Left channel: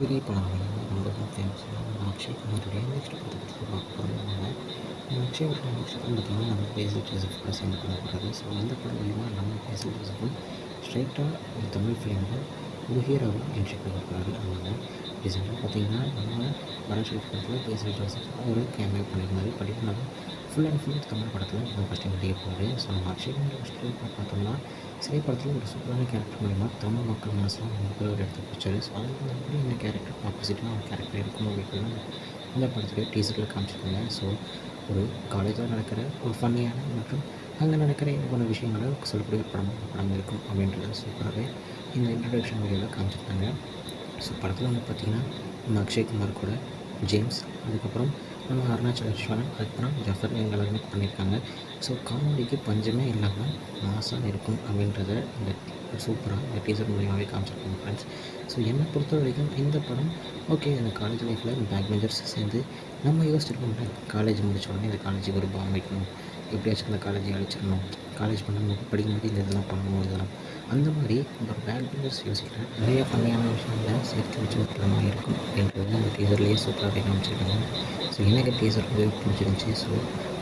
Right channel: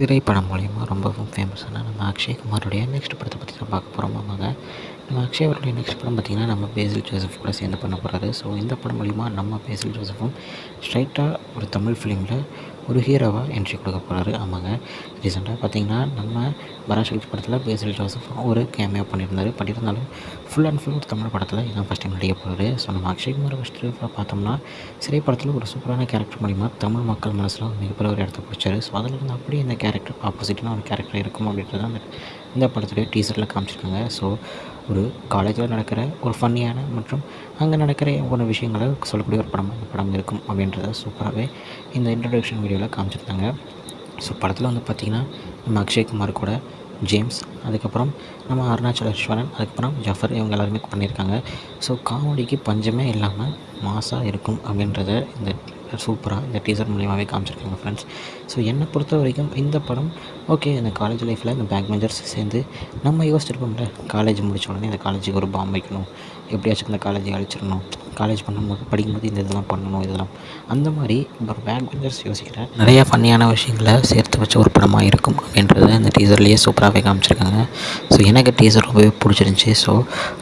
திரைப்படம் மூலிமா ரொம்பவும் ஃபேமஸான நம்ம அக்ஷய்குமாருடைய நெக்ஸ்ட் படத்தை பற்றி தான் பார்க்க போகிறோம். ஆமாங்க, நம்ம அக்ஷய் அவருடைய நெக்ஸ்ட் படம் பார்த்திங்கன்னா நம்ம பேசில் ஜோசப் கூட சேர்ந்து பண்ண போகிறாரு. ஸோ இந்த படம் மூலிமா நம்ம பேசில் ஜோசஃபும் ஸ்ட்ரைட்டாக ஒரு தமிழ் ஃபிலிமில் ஒரு ஹீரோவாக என்ட்ரி கொடுக்க போகிறாரு. ஆமாங்க, ரீசெண்டாக பார்த்திங்கன்னா நம்ம பராசக்தி படத்தில் பேசில் ஜோசப் ஒரு கேமியோ பண்ணியிருந்தாலும் ஃபுல் அண்ட் ஃபுல் ஒரு தமிழ் படத்தில் இதான் ஃபஸ்ட் டைம் நடிக்க போகிறாரு. ஸோ நம்ம அக்ஷய்குமார் ஃபஸ்ட்டு பார்த்தோம்னா சிறை படத்தில் ஒரு சூப்பரான கேரக்டர் மூலிமா தமிழ் மக்கள் மனசில் மிகப்பெரிய ஒரு இடத்த பிடிச்சாரு. ஸோ அதில் வந்து அப்படியே இந்த கேரக்டர் ஆப்போசிட்டான ஒரு கேரக்டர் இருக்கும் அப்படின்றது இந்த படத்துலேயே டீசரில் காமிச்சிருக்காங்க. ஸோ ஒரு காலேஜில் நடக்கிற ஒரு ஃபன்னியான மற்றும் அங்கே நடக்கிற ஒவ்வொரு விஷயங்களை சொல்லக்கூடிய ஒரு படம் இருக்கும் அப்படின்றத சூப்பராகவே இந்த இன்ட்ரடக்ஷன் வீடியோவில் காமிச்சிருக்காங்க. ஸோ படத்தில் வந்து பார்த்திங்கன்னா நம்ம அக்ஷய்குமார் கூட ஜேம்ஸ், அதுக்கப்புறம் நம்ம அருணாச்சலேஸ்வரன், அதுக்கப்புறம் ஜஃபர் இவங்க எல்லாருமே பண்ணியிருக்காங்க. ஸோ காமெடிக்கு பஞ்சமே இல்லாமல் மாஸாக இருக்கும் அப்படின்றத இந்த சூப்பராக இந்த டீசர் மூலியமாகவே காமிச்சிருக்காங்க ஃப்ரெண்ட்ஸ். ஸோ என்னை பொறுத்த வரைக்கும் இந்த படம் ஓகே, இந்த காலேஜ் லைஃப்பில் இந்த பேக் பெஞ்சர்ஸ் சேர்ந்து நம்ம யோசிச்சிருப்போம்ல, காலேஜ் முடித்த உடனே இந்த காலேஜுக்கு ஒரு பாம்பு வைக்கணும், எப்படியாச்சும் இந்த காலேஜை அழிச்சிடணும், காலேஜ் படிக்கும்போது இந்த இதெல்லாம் பண்ணணும், இதெல்லாம் அந்த மாதிரி ஒரு பேக் பெஞ்சர்ஸ் யோசிக்கிற நிறையா ஃபன்னியான விஷயங்களை சேர்த்து வச்ச ஒரு படமாக இருக்கும் அப்படின்றத இந்த டீசர்லேயே சூப்பராகவே காமிச்சிருக்காங்க. ஸோ எனக்கு டீசர் ரொம்பவே பிடிச்சிருந்துச்சி. ஸோ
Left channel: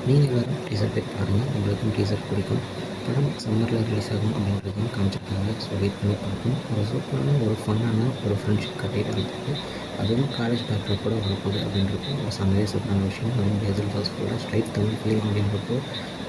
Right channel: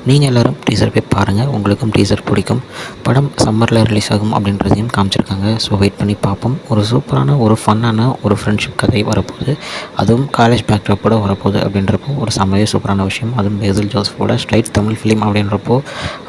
நீங்கள் எல்லோரும் டீசர் போய் பாருங்கள், உங்களுக்கும் டீசர் பிடிக்கும். படம் சம்மரில் ரிலீஸ் ஆகும் அப்படின்றதையும் காமிச்சிருக்காங்க. ஸோ வெயிட் பண்ணி பார்ப்போம். ஒரு சூப்பரான ஒரு ஃபன்னான ஒரு ஃப்ரெண்ட்ஷிப் கதை வரப்போகுது, அதுவும் காலேஜ் பேக்ட்ராப்போட வரப்போகுது அப்படின்றப்போ ஒரு செம்மையே சூப்பரான விஷயம். அதுவும் பேசில் ஜோசஃபோட ஸ்ட்ரைட் தமிழ் ஃபிலிம் அப்படின்றப்போ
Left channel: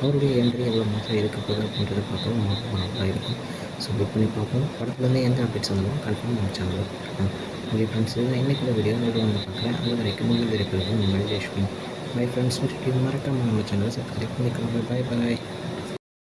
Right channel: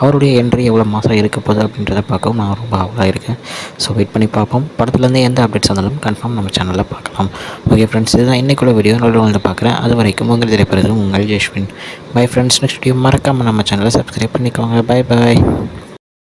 அவருடைய என்ட்ரி எவ்வளோ மாதம் இருக்க போகுது அப்படின்றத பார்க்கவும் நான் ரொம்ப ஆவலாக இருக்கேன். ஸோ வெயிட் பண்ணி பார்ப்போம். படத்துலேருந்து எந்த அப்டேட்ஸ் வந்தாலும் கன்ஃபார்ம் நம்ம சேனலில் பார்க்கலாம். ஓகே ஃப்ரெண்ட்ஸ், இதுதான் இன்றைக்குள்ள வீடியோ. நல்ல பார்க்குறேன். அது வரைக்கும் உங்கள் திரைப்படம் உங்கள் Jeswin. Bye friends. Next video மறக்காமல் நம்ம சேனலை சப்ஸ்கிரைப் பண்ணிக்கோங்க. Bye bye.